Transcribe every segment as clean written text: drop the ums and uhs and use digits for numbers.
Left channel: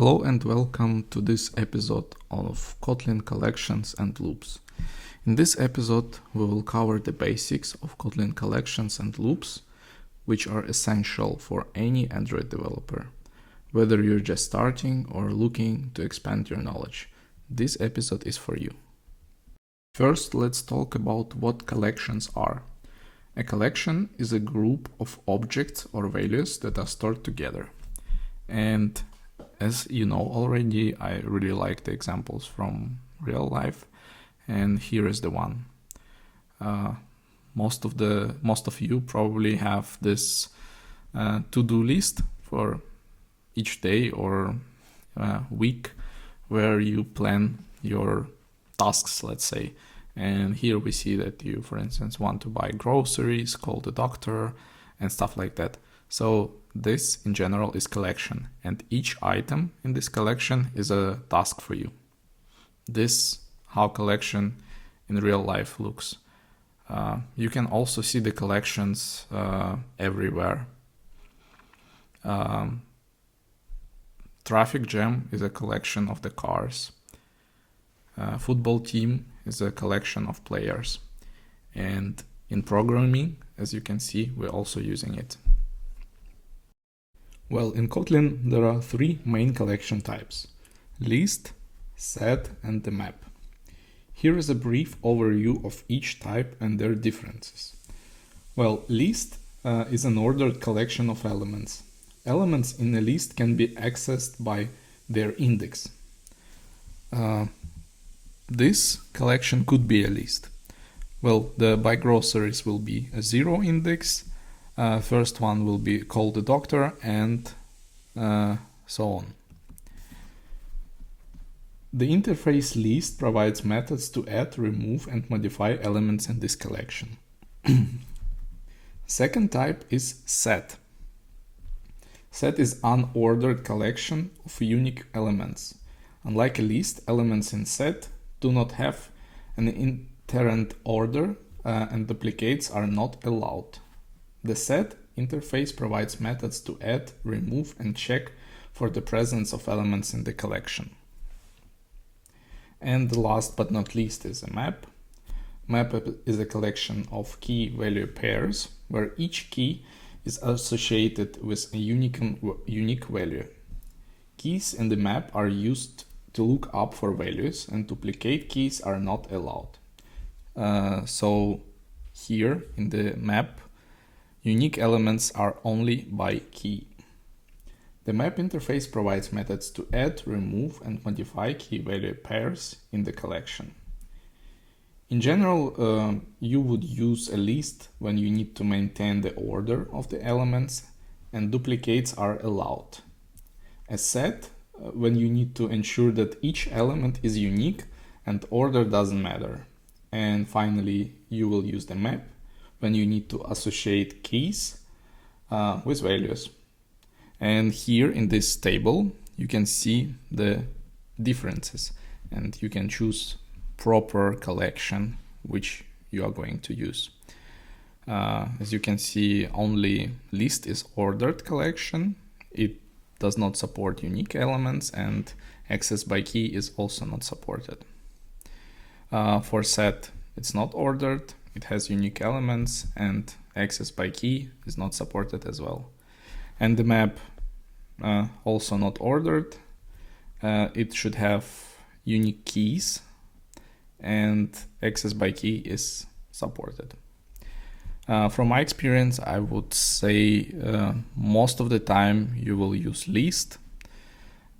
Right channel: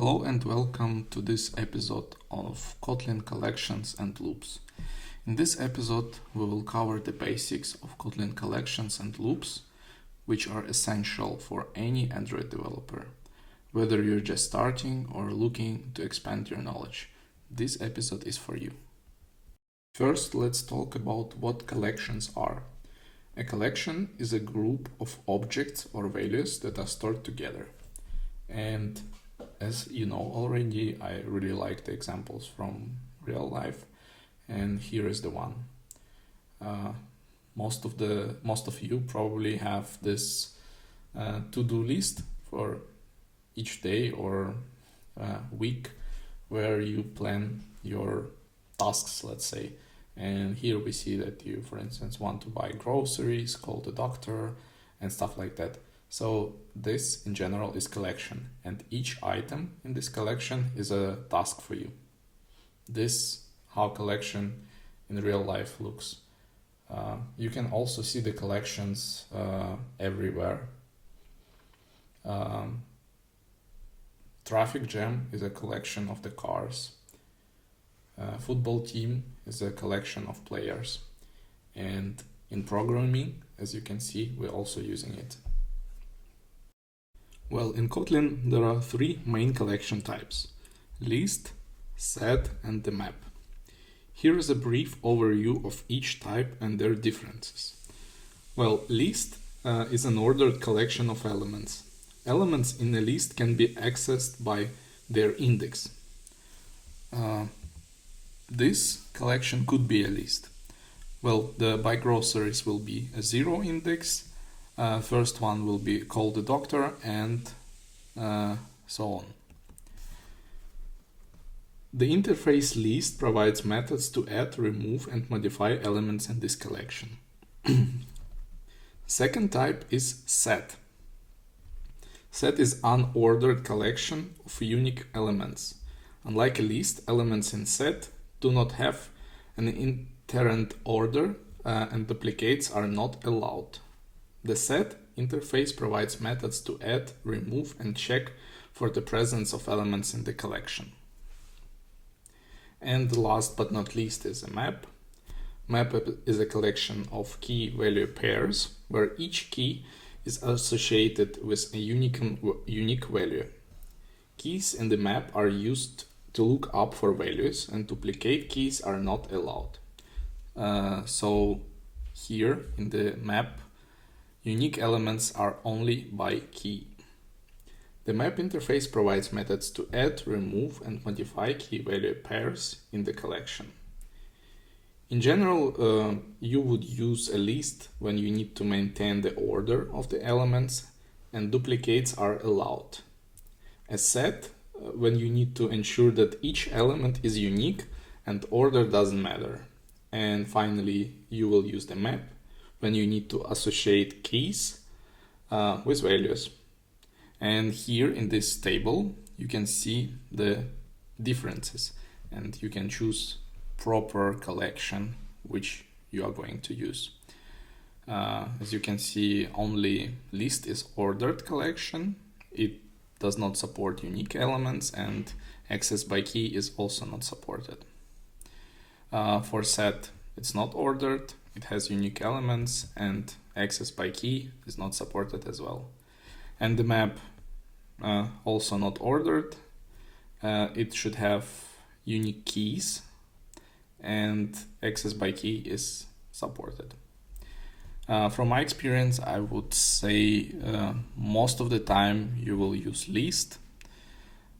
Hello and welcome to this episode of Kotlin collections and loops. In this episode, we will cover the basics of Kotlin collections and loops, which are essential for any Android developer. Whether you're just starting or looking to expand your knowledge, this episode is for you. First, let's talk about what collections are. A collection is a group of objects or values that are stored together. And as you know already, I really like the examples from real life, and here is the one. Most of you probably have this to-do list for each day or week where you plan your tasks, let's say. And here we see that you, for instance, want to buy groceries, call the doctor, and stuff like that. So this in general is collection, and each item in this collection is a task for you. This how collection in real life looks. You can also see the collections everywhere. Traffic jam is a collection of the cars. Football team is a collection of players. And in programming, as you can see, we're also using it. Well, in Kotlin, there are three main collection types: list, set, and the map. Here is a brief overview of each type and their differences. Well, list is an ordered collection of elements. Elements in a list can be accessed by their index. This collection could be a list. Well, the buy groceries will be a 0 index. First one will be call the doctor, and so on. The interface list provides methods to add, remove, and modify elements in this collection. Second type is set. Set is unordered collection of unique elements. Unlike a list, elements in set do not have an inherent order, and duplicates are not allowed. The set interface provides methods to add, remove, and check for the presence of elements in the collection. And last but not least is a map. Map is a collection of key-value pairs where each key is associated with a unique value. Keys in the map are used to look up for values, and duplicate keys are not allowed. So here in the map, unique elements are only by key. The map interface provides methods to add, remove, and modify key-value pairs in the collection. In general, you would use a list when you need to maintain the order of the elements, and duplicates are allowed. A set when you need to ensure that each element is unique and order doesn't matter. And finally, you will use the map when you need to associate keys with values. And here in this table, you can see the differences, and you can choose proper collection which you are going to use. As you can see, only list is ordered collection. It does not support unique elements, and access by key is also not supported. For set, it's not ordered. It has unique elements, and access by key is not supported as well. And the map, also not ordered. It should have unique keys, and access by key is supported. From my experience, I would say most of the time you will use list.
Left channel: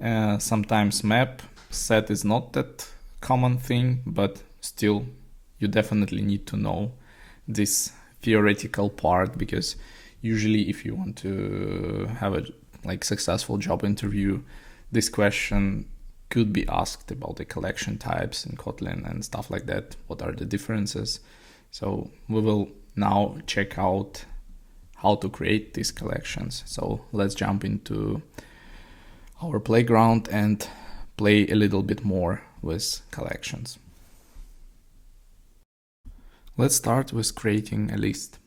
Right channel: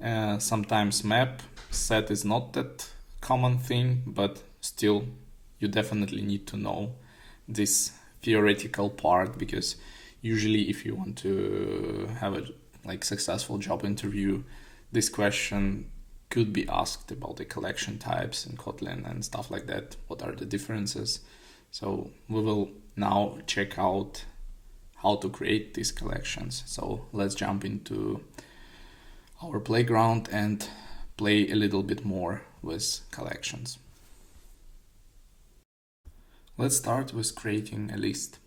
Sometimes map. Set is not that common thing, but still you definitely need to know this theoretical part, because usually if you want to have a successful job interview, this question could be asked about the collection types in Kotlin and stuff like that. What are the differences? So we will now check out how to create these collections. So let's jump into our playground and play a little bit more with collections. Let's start with creating a list.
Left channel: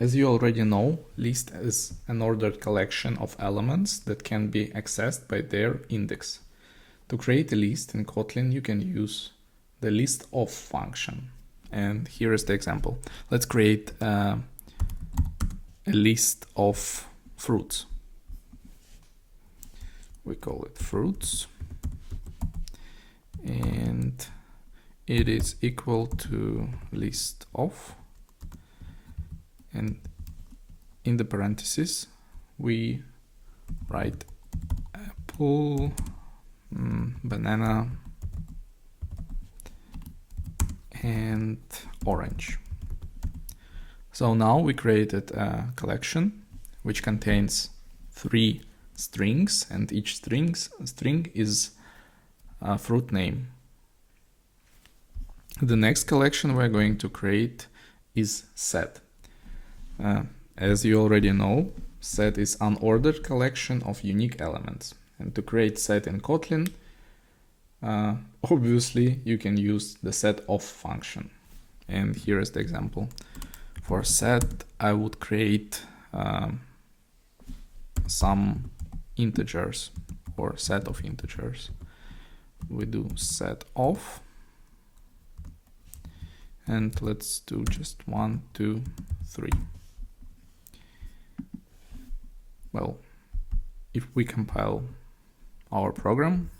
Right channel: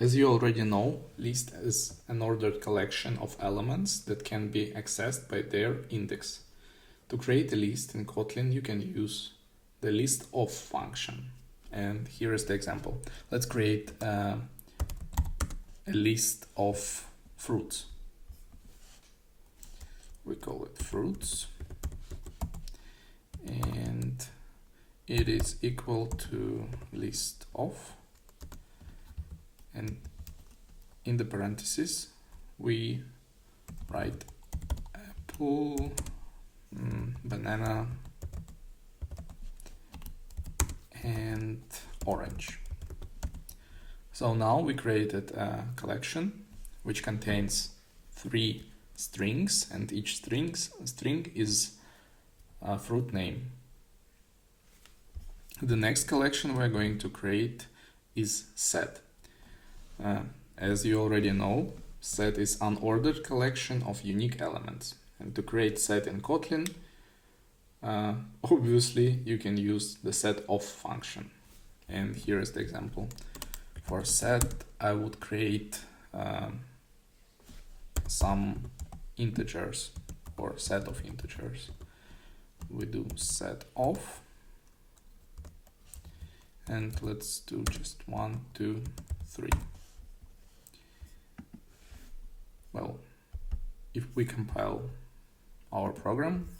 As you already know, list is an ordered collection of elements that can be accessed by their index. To create a list in Kotlin, you can use the list_of function. And here is the example. Let's create a list of fruits. We call it fruits. And it is equal to list_of. And in the parentheses, we write apple, banana, and orange. So now we created a collection which contains 3 strings, and each string is a fruit name. The next collection we're going to create is set. As you already know, set is unordered collection of unique elements. And to create set in Kotlin, obviously you can use the set_of function. And here is the example. For set, I would create some integers or set of integers. We do set_of, and let's do just 1, 2, 3. Well, if we compile our program,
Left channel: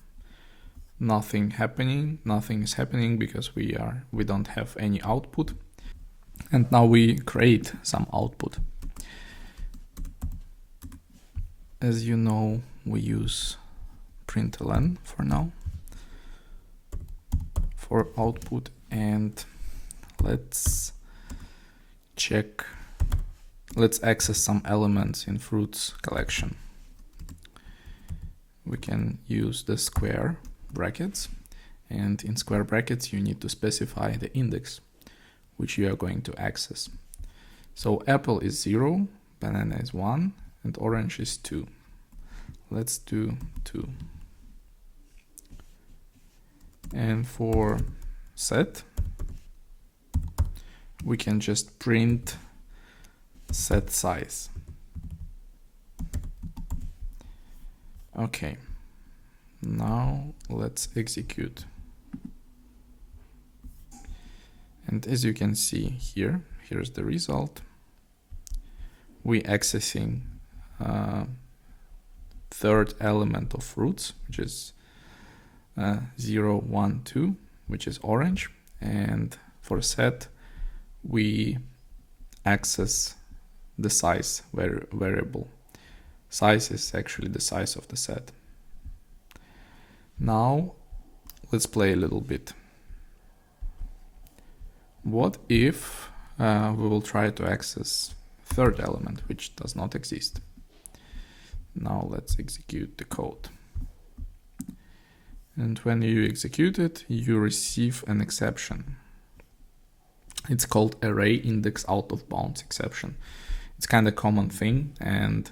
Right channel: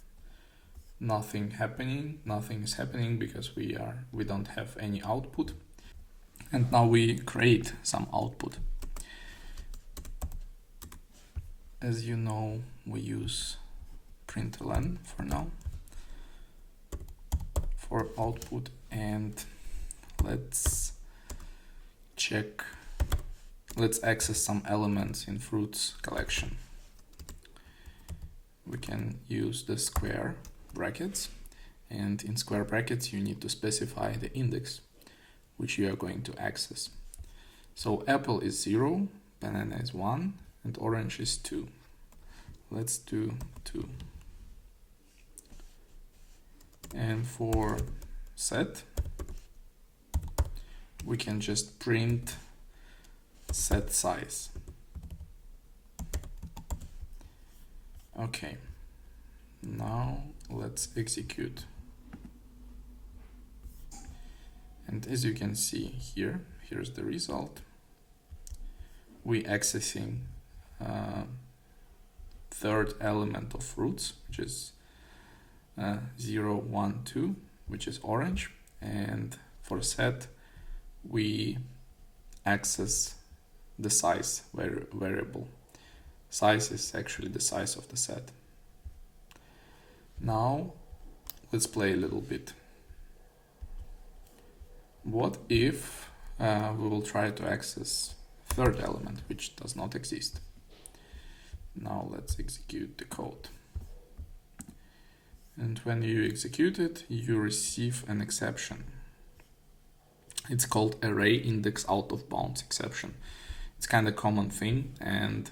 nothing is happening because we don't have any output. And now we create some output. As you know, we use println for now for output, and let's access some elements in fruits collection. We can use the square brackets, and in square brackets you need to specify the index which you are going to access. So apple is 0, banana is 1, and orange is 2. Let's do 2. And for set, we can just print set size. Okay, now let's execute. And as you can see here's the result. We accessing third element of fruits, which is 0, 1, 2, which is orange. And for set, we access the size variable. Size is actually the size of the set. Now let's play a little bit. What if we will try to access third element which does not exist? Now let's execute the code. And when you execute it, you receive an exception. It's called array index out of bounds exception. It's kind of common thing, and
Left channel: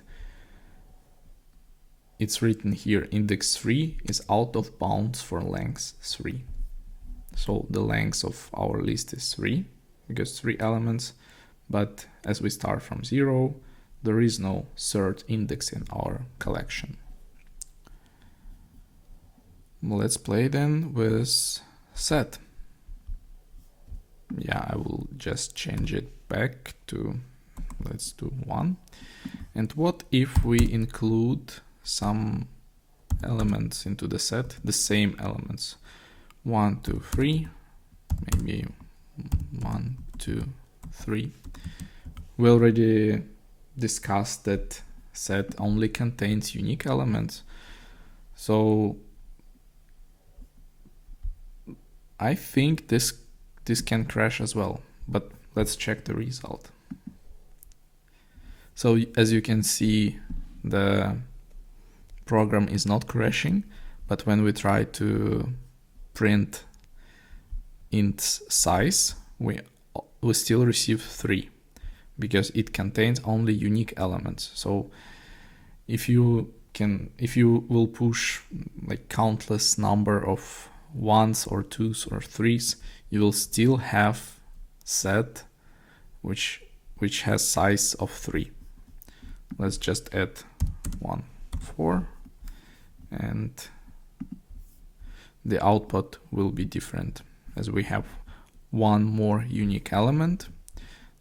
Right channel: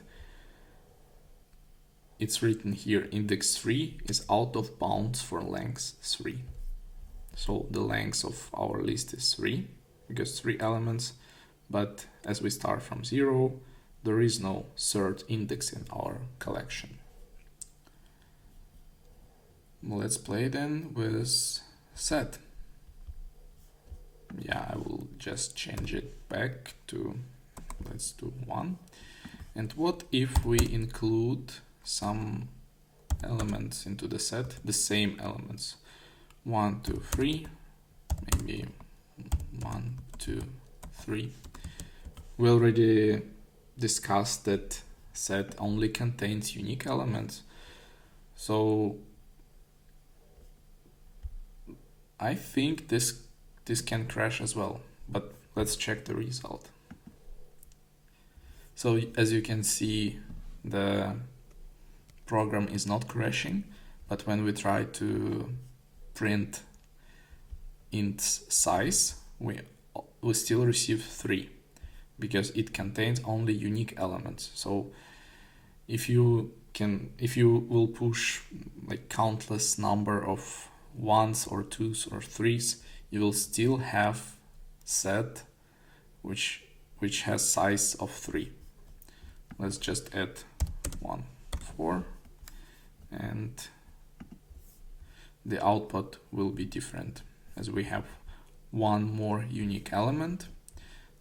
it's written here, index 3 is out of bounds for length 3. So the length of our list is 3, because 3 elements, but as we start from 0, there is no third index in our collection. Let's play then with set. Yeah, I will just change it back to, let's do 1. And what if we include some elements into the set, the same elements? 1, 2, 3, maybe 1, 2, 3. We already discussed that set only contains unique elements. So I think this can crash as well, but let's check the result. So as you can see, the program is not crashing, but when we try to print int size, we still receive 3 because it contains only unique elements. So if you will push like countless number of 1s or 2s or 3s, you will still have set which which has size of 3. Let's just add 1, 4, and the output will be different. As we have one more unique element,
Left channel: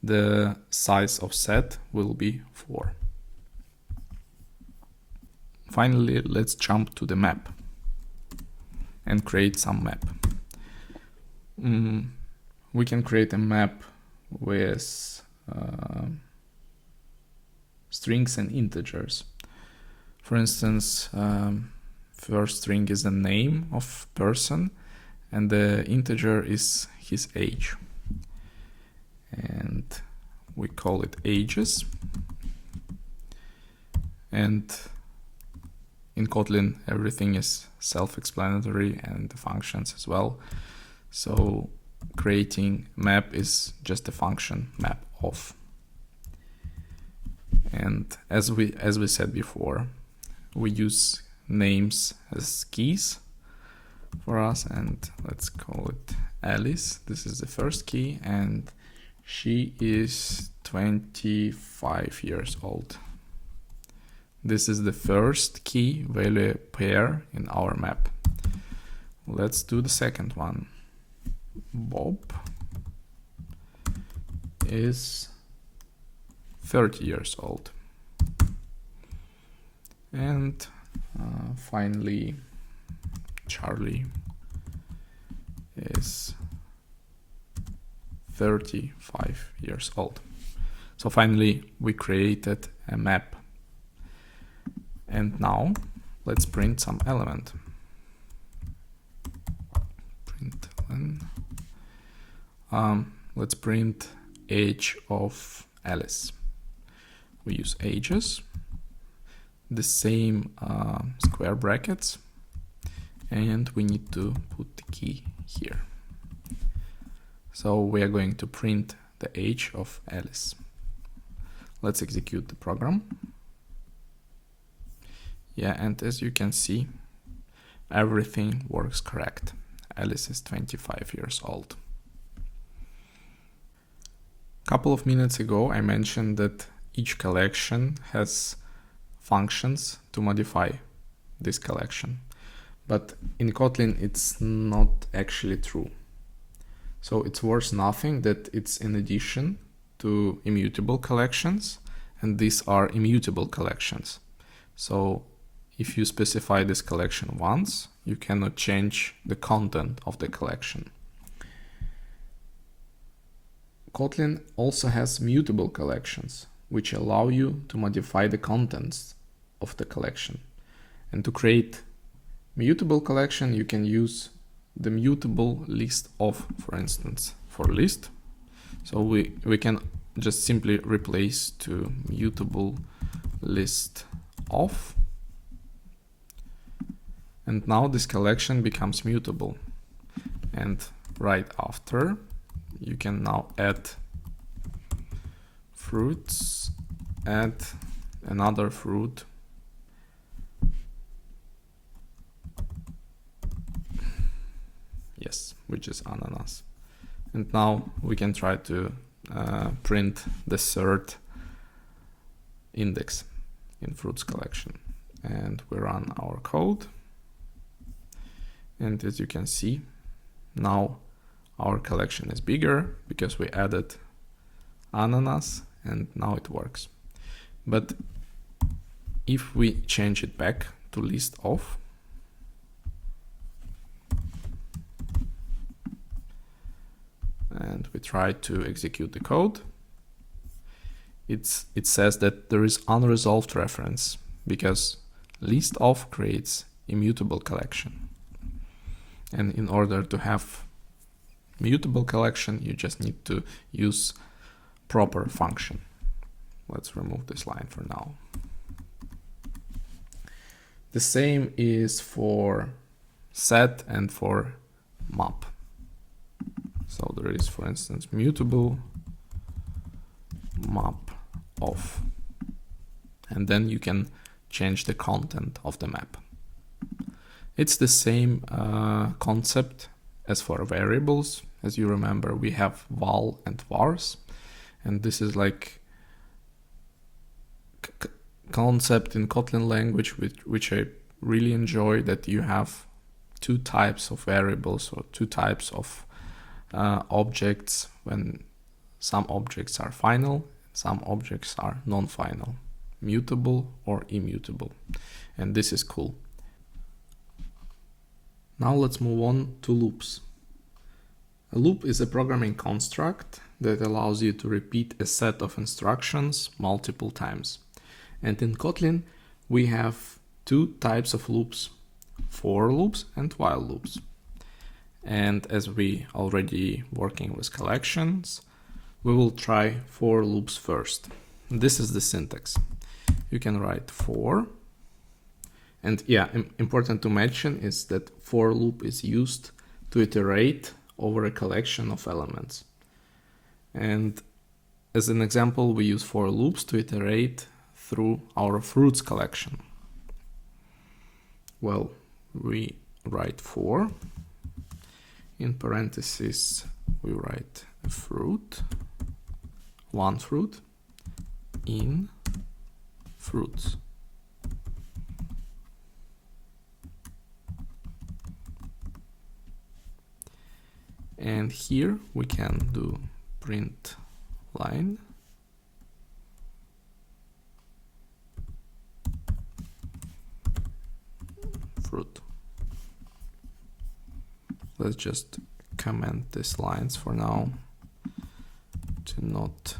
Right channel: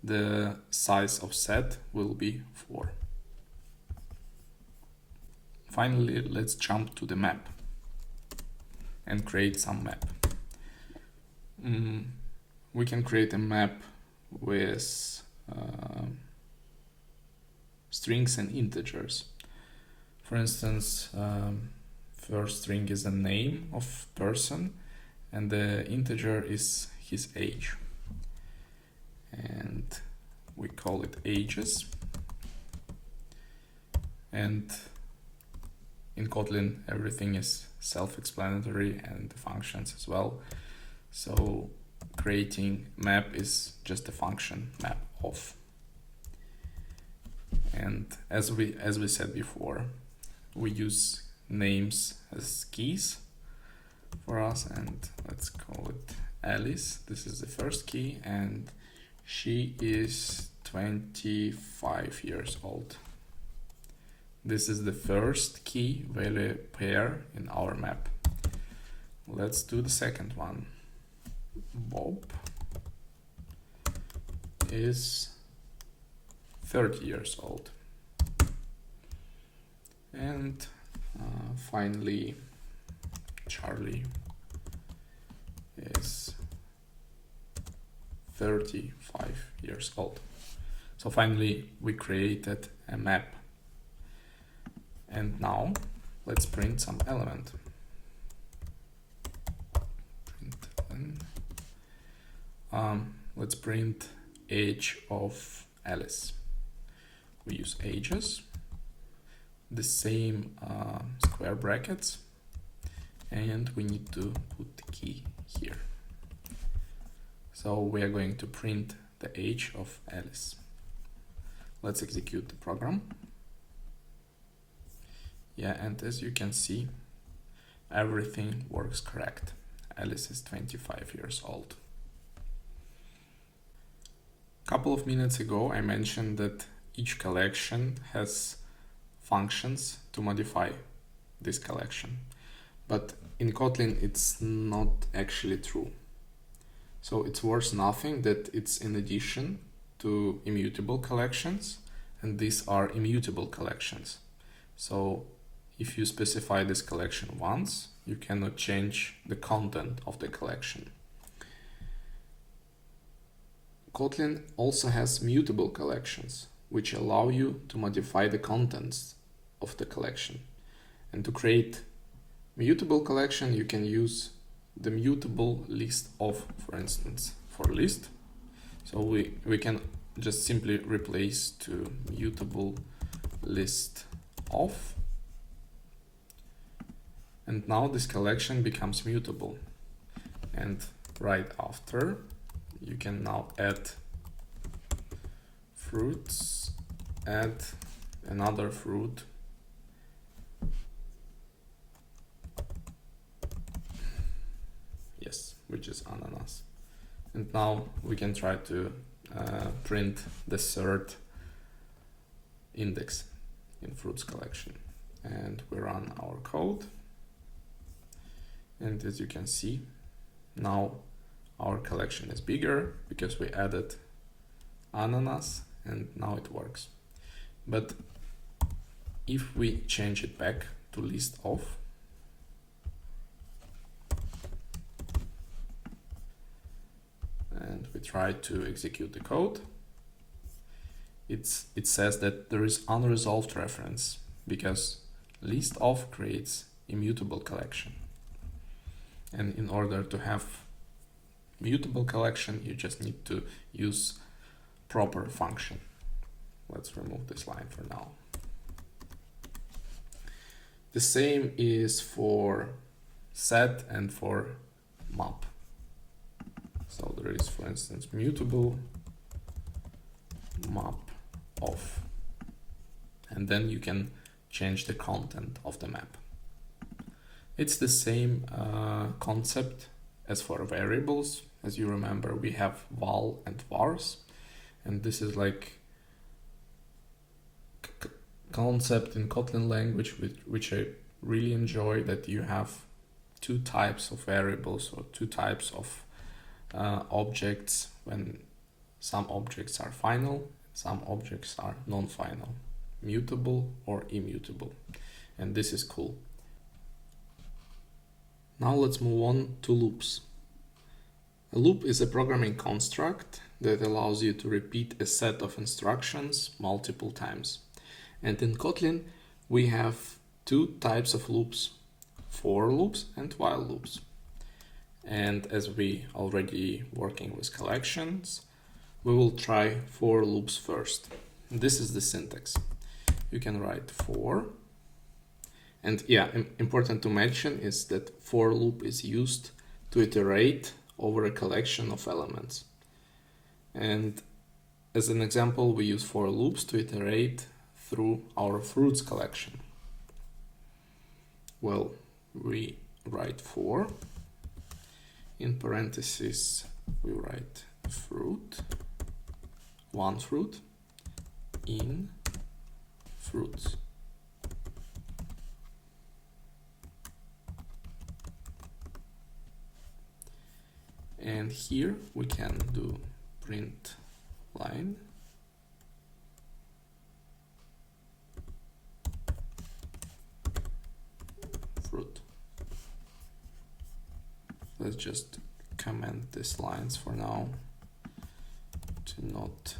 the size of set will be 4. Finally, let's jump to the map and create some map. We can create a map with strings and integers. For instance, first string is the name of person and the integer is his age. And we call it ages. And in Kotlin, everything is self-explanatory and the functions as well. So creating map is just a function map of. And as we said before, we use names as keys for us, and let's call it Alice. This is the first key and she is 25 years old. This is the first key value pair in our map. Let's do the second one. Bob is 30 years old. And finally, Charlie is 35 years old. So finally, we created a map. And now let's print some element. Let's print age of Alice. We use ages, the same square brackets, and we need to put the key here. So we are going to print the age of Alice. Let's execute the program. Yeah, and as you can see, everything works correct. Alice is 25 years old. A couple of minutes ago, I mentioned that each collection has functions to modify this collection. But in Kotlin, it's not actually true. So it's worth nothing that it's in addition to immutable collections, and these are immutable collections. So if you specify this collection once, you cannot change the content of the collection. Kotlin also has mutable collections, which allow you to modify the contents of the collection. And to create mutable collection, you can use the mutable list of, for instance, for list. So we can just simply replace to mutable list of. And now this collection becomes mutable. And right after, you can now add fruits, add another fruit, yes, which is ananas. And now we can try to print the third index in fruits collection. And we run our code. And as you can see, now our collection is bigger because we added ananas and now it works. But if we change it back to list of, and we try to execute the code, it says that there is unresolved reference because list of creates immutable collection. And in order to have mutable collection, you just need to use proper function. Let's remove this line for now. The same is for set and for map. So there is, for instance, mutable map of, and then you can change the content of the map. It's the same concept as for variables. As you remember, we have val and vars, And this is like concept in Kotlin language which I really enjoy, that you have two types of variables or two types of objects, when some objects are final, some objects are non-final, mutable or immutable. And this is cool. Now let's move on to loops. A loop is a programming construct that allows you to repeat a set of instructions multiple times. And in Kotlin, we have two types of loops, for loops and while loops. And as we already working with collections, we will try for loops first. This is the syntax. You can write for. And yeah, important to mention is that for loop is used to iterate over a collection of elements. And as an example, we use for loops to iterate through our fruits collection. Well, we write for, in parentheses we write fruit, one fruit, in fruits. And here we can do print line, fruit. Let's just comment these lines for now to not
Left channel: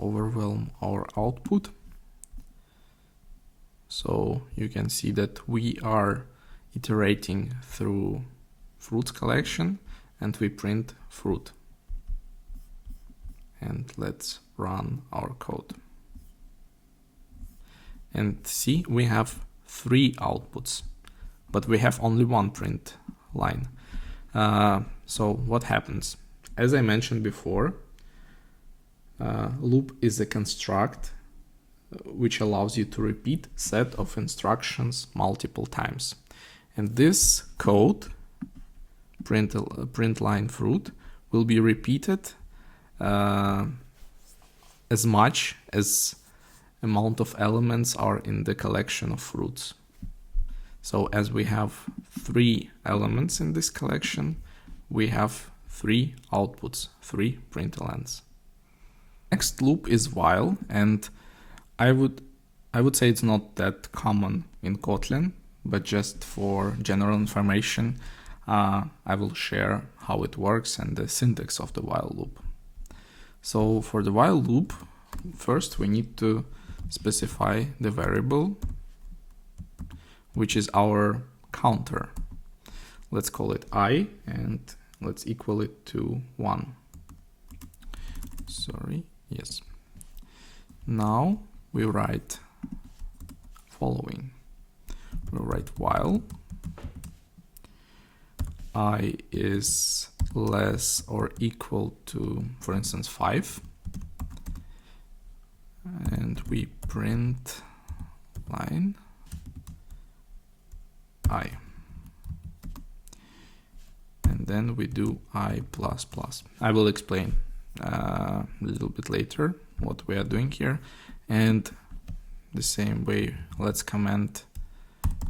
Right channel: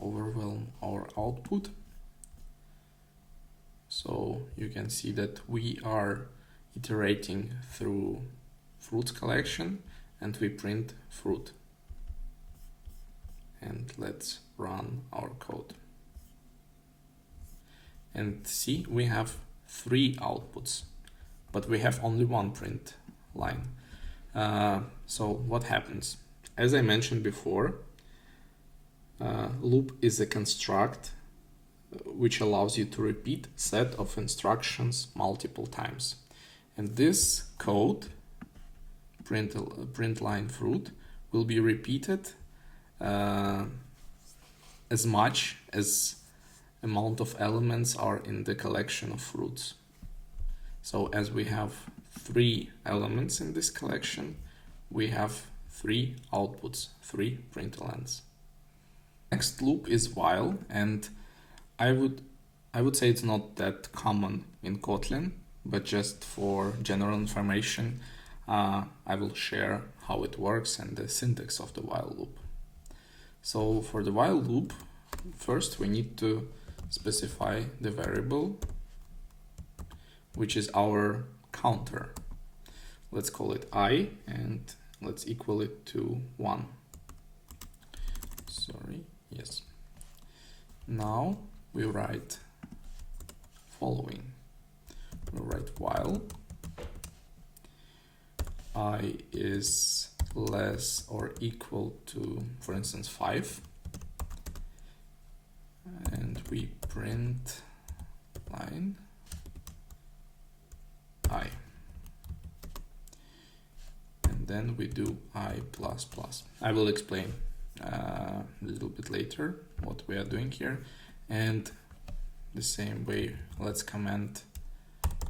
overwhelm our output. So you can see that we are iterating through fruits collection and we print fruit. And let's run our code. And see, we have 3 outputs, but we have only one print line. So what happens? As I mentioned before, loop is a construct which allows you to repeat set of instructions multiple times. And this code, print line fruit, will be repeated as much as amount of elements are in the collection of fruits. So as we have 3 elements in this collection, we have 3 outputs, 3 printlns. Next loop is while, and I would say it's not that common in Kotlin, but just for general information, I will share how it works and the syntax of the while loop. So for the while loop, first we need to specify the variable, which is our counter. Let's call it I, and let's equal it to 1. Sorry, yes. Now we write following. We'll write while I is less or equal to, for instance, 5. And we print line I. And then we do I++. I will explain a little bit later what we are doing here. And the same way, let's comment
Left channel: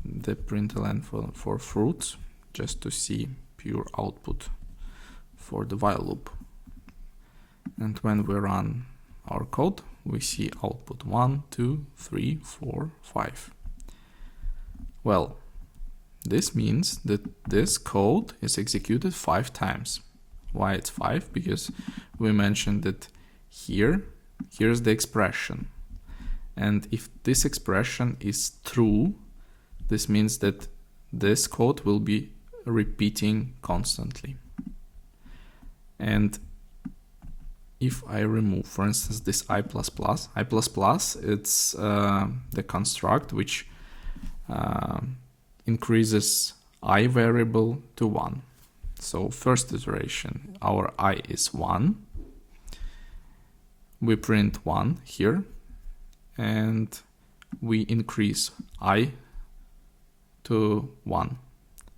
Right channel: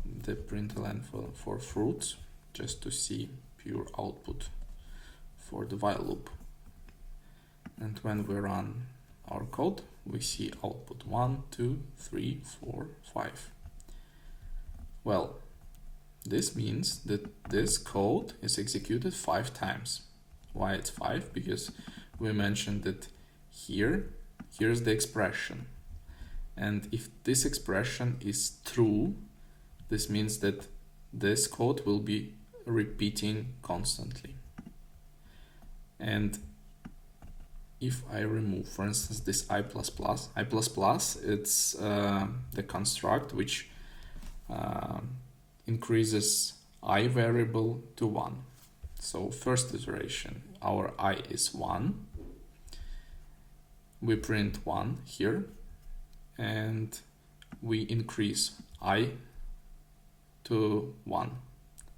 the println for fruits, just to see pure output for the while loop. And when we run our code, we see output 1, 2, 3, 4, 5. Well, this means that this code is executed 5 times. Why it's 5? Because we mentioned that here's the expression. And if this expression is true, this means that this code will be repeating constantly. And if I remove, for instance, this I++, it's the construct which increases I variable to 1. So first iteration, our I is 1. We print 1 here, and we increase I to 1.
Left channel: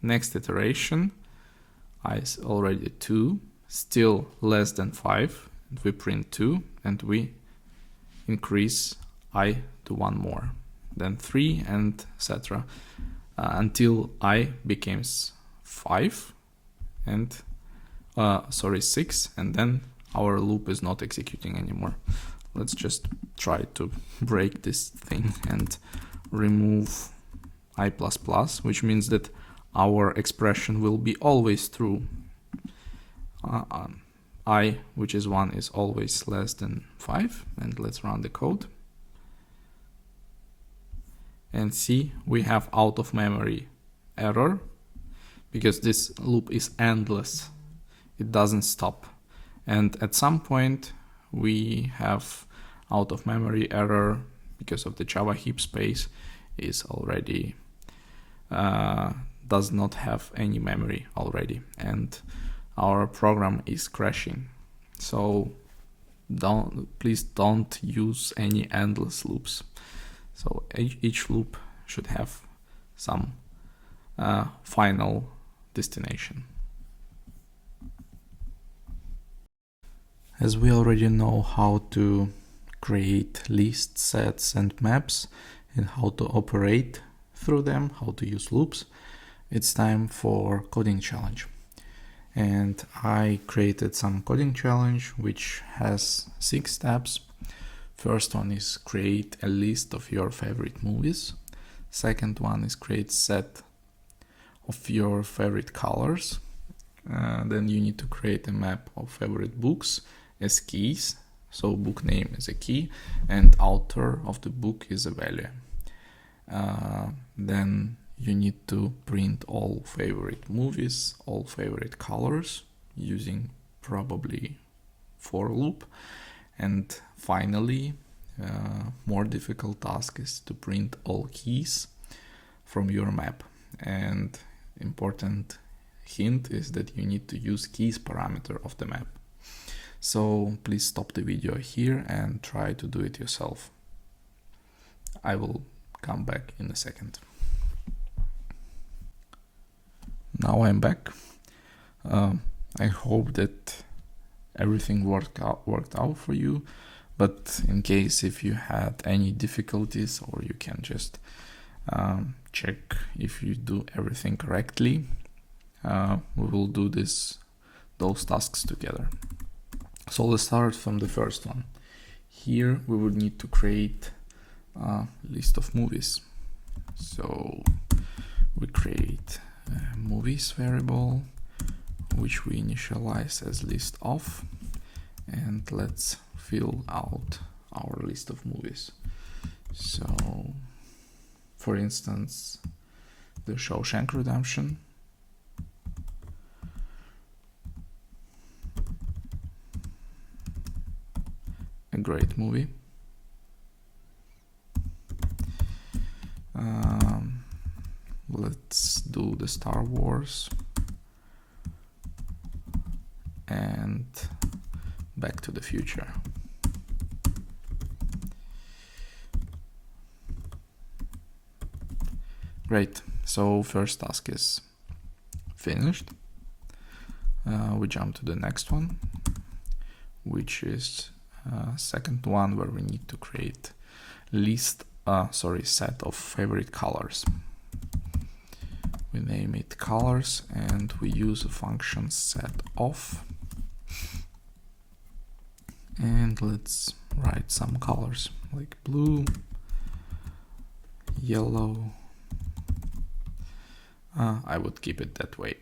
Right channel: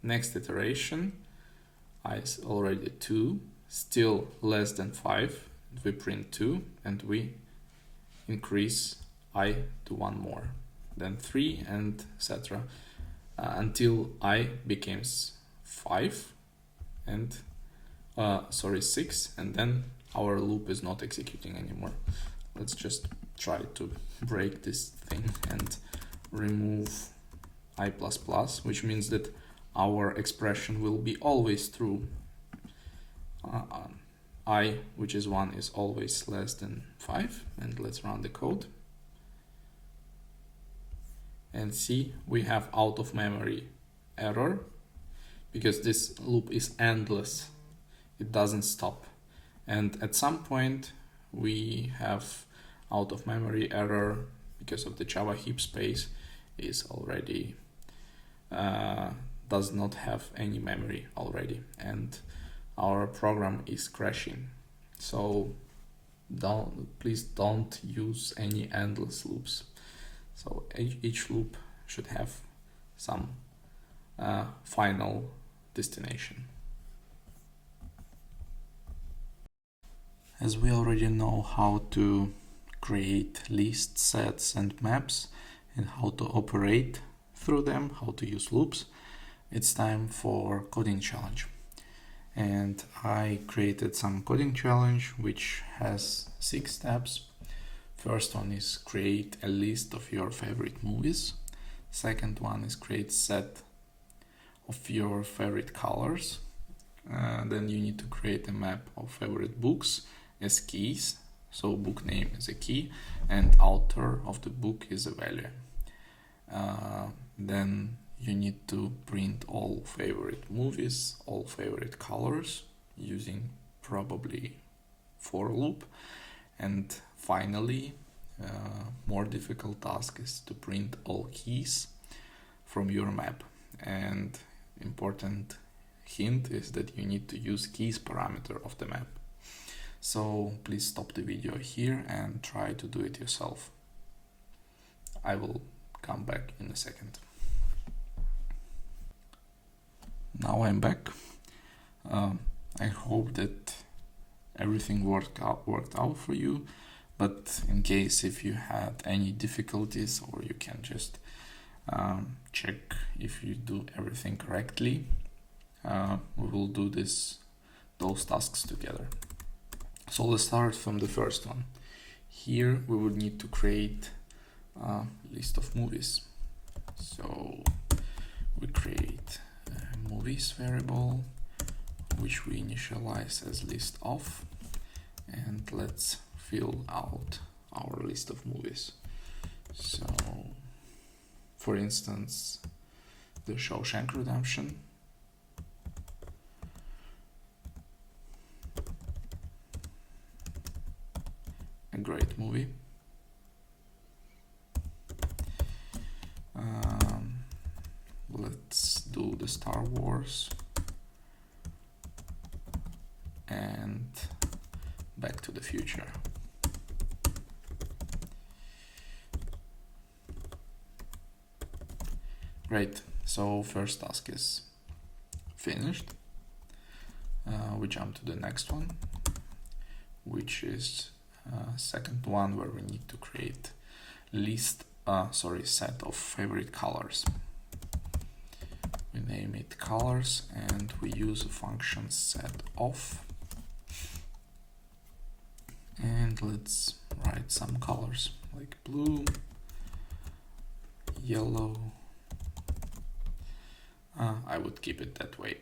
Next iteration, I is already 2, still less than 5, we print 2, and we increase I to 1 more, then 3, and etc. Until I becomes 5 and 6, and then our loop is not executing anymore. Let's just try to break this thing and remove I++, which means that our expression will be always true. I, which is 1, is always less than 5, and let's run the code. And see, we have out of memory error, because this loop is endless. It doesn't stop. And at some point we have out of memory error because of the Java heap space is already does not have any memory already, and our program is crashing. So please don't use any endless loops. So each loop should have some final destination. As we already know how to create lists, sets, and maps, and how to operate through them, how to use loops, it's time for coding challenge. And I created some coding challenge which has 6 steps. First one is create a list of your favorite movies. Second one is create set of your favorite colors. Then you need to create a map of favorite books as keys. So book name is a key and author of the book is a value. Then you need to print all favorite movies, all favorite colors using probably for loop. And finally, more difficult task is to print all keys from your map. And important hint is that you need to use keys parameter of the map. So please stop the video here and try to do it yourself. I will come back in a second. Now I'm back. I hope that everything worked out for you, but in case if you had any difficulties, or you can just check if you do everything correctly, we will do those tasks together. So let's start from the first one. Here we would need to create a list of movies. So we create a movies variable, which we initialize as list of, and let's fill out our list of movies. So for instance, The Shawshank Redemption, a great movie. Let's do the Star Wars and Back to the Future. Great, so first task is finished. We jump to the next one, which is second one, where we need to create set of favorite colors. We name it colors and we use a function set of, and let's write some colors like blue, yellow. I would keep it that way,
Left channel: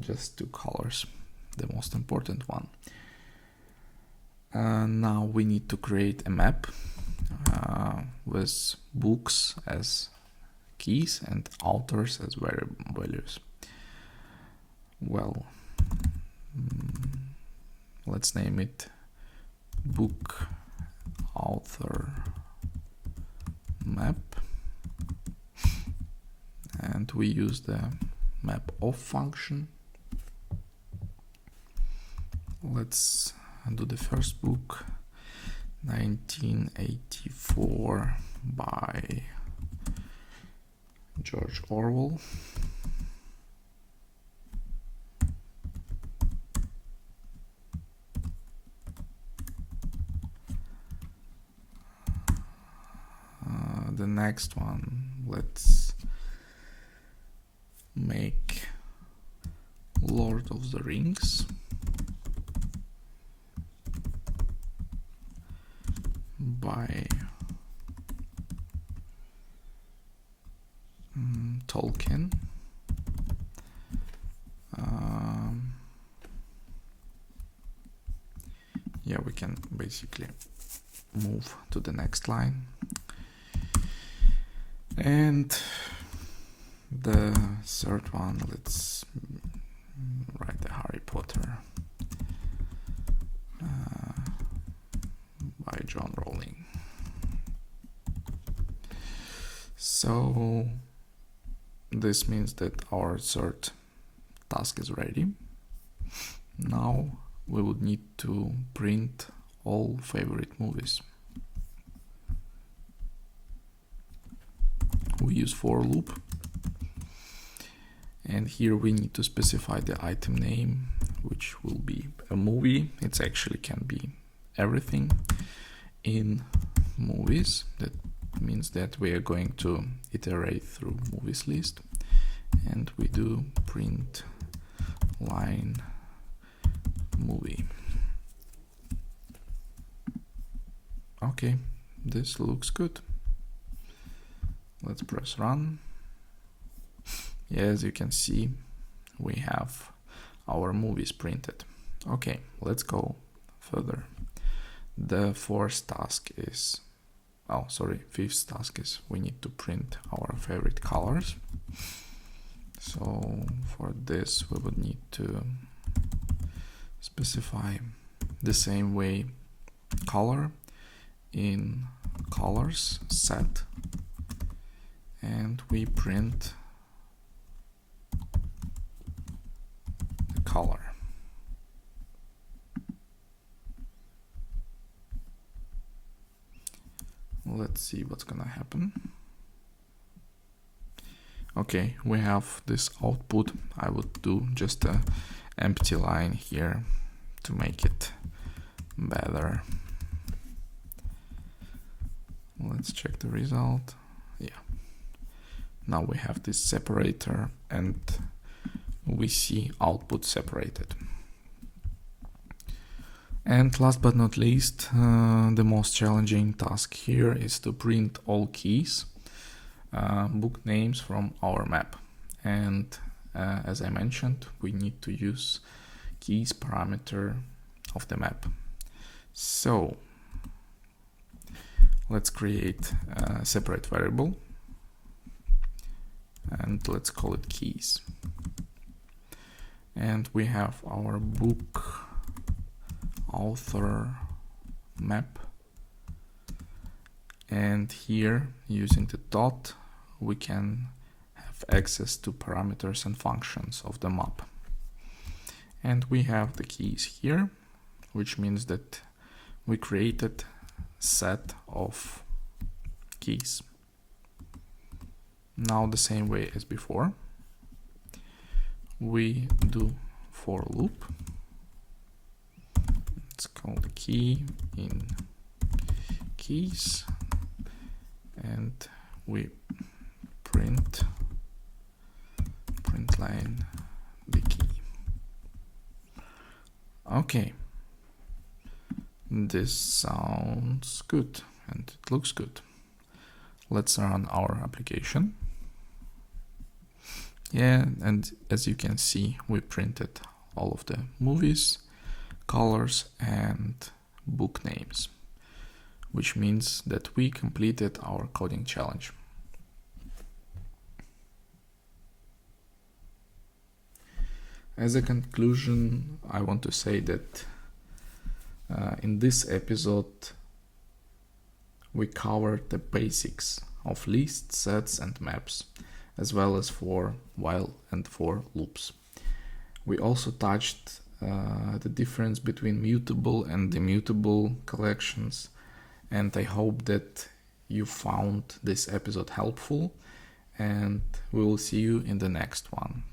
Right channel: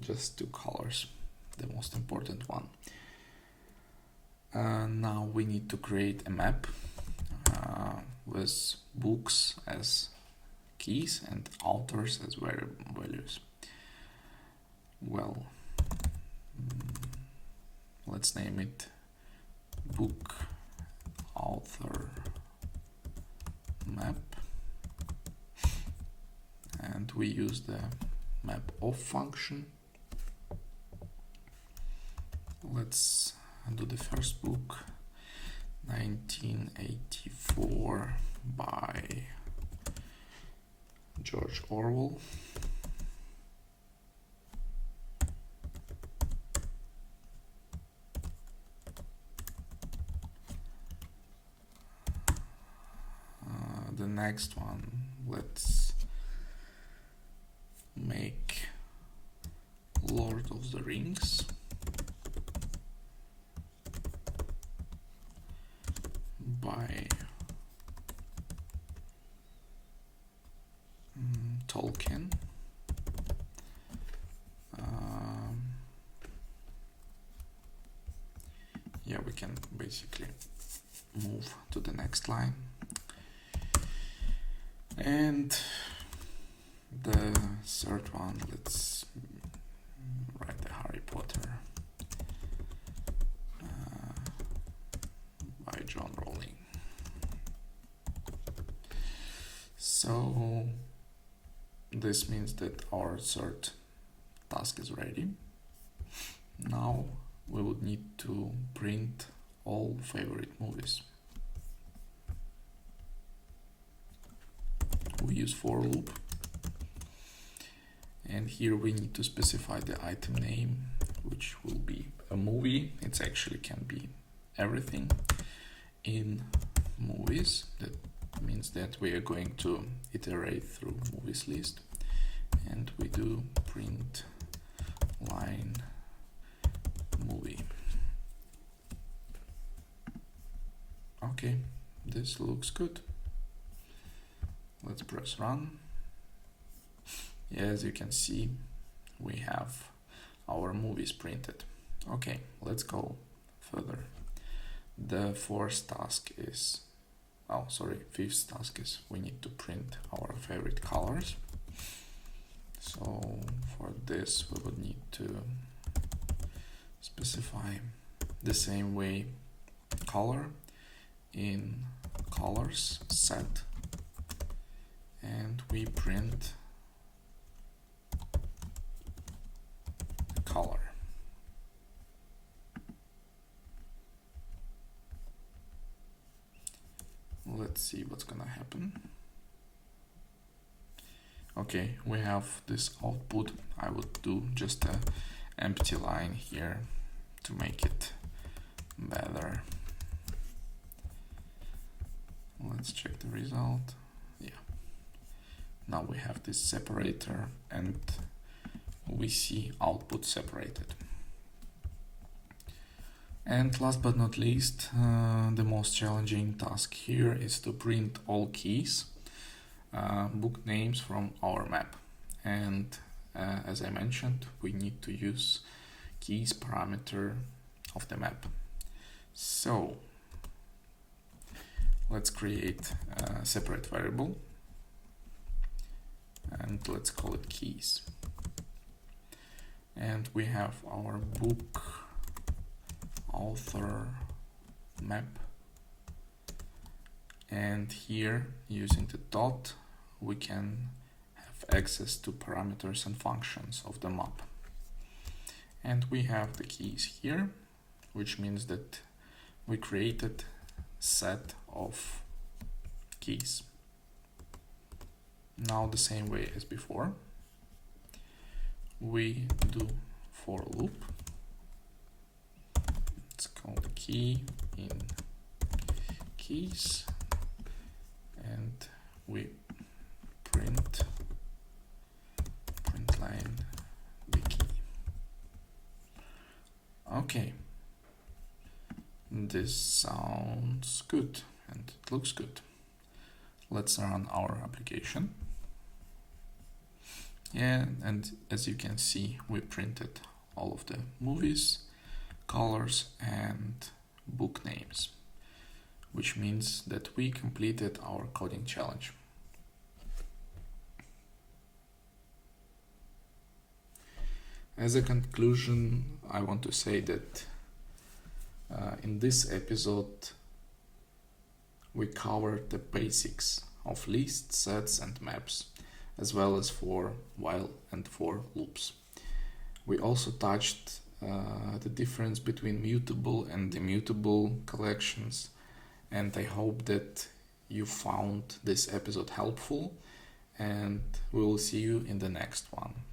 just 2 colors, the most important one. Now we need to create a map with books as keys and authors as values. Well, let's name it book author map, and we use the map of function. Let's do the first book, 1984 by George Orwell. next one, let's make Lord of the Rings by Tolkien. Yeah, we can basically move to the next line. And the third one, let's write the Harry Potter by John Rowling. So this means that our third task is ready. Now we would need to print all favorite movies. We use for loop, and here we need to specify the item name, which will be a movie. It actually can be everything in movies. That means that we are going to iterate through movies list, and we do print line movie. Okay, this looks good. Let's press run. Yeah, as you can see, we have our movies printed. Okay, let's go further. The fifth task is we need to print our favorite colors. So for this we would need to specify the same way color in colors set, and we print the color. Let's see what's gonna happen. Okay, we have this output. I would do just a empty line here to make it better. Let's check the result. Yeah. Now we have this separator and we see output separated. And last but not least, the most challenging task here is to print all keys, book names from our map. And as I mentioned, we need to use keys parameter of the map. So let's create a separate variable and let's call it keys. And we have our book author map, and here using the dot we can have access to parameters and functions of the map. And we have the keys here, which means that we created set of keys. Now the same way as before, we do for loop. It's called key in keys, and we print line the key. Okay, this sounds good and it looks good. Let's run our application. Yeah, and as you can see, we printed all of the movies, colors and book names, which means that we completed our coding challenge. As a conclusion, I want to say that in this episode we covered the basics of lists, sets and maps, as well as for while and for loops. We also touched the difference between mutable and immutable collections, and I hope that you found this episode helpful, and we will see you in the next one.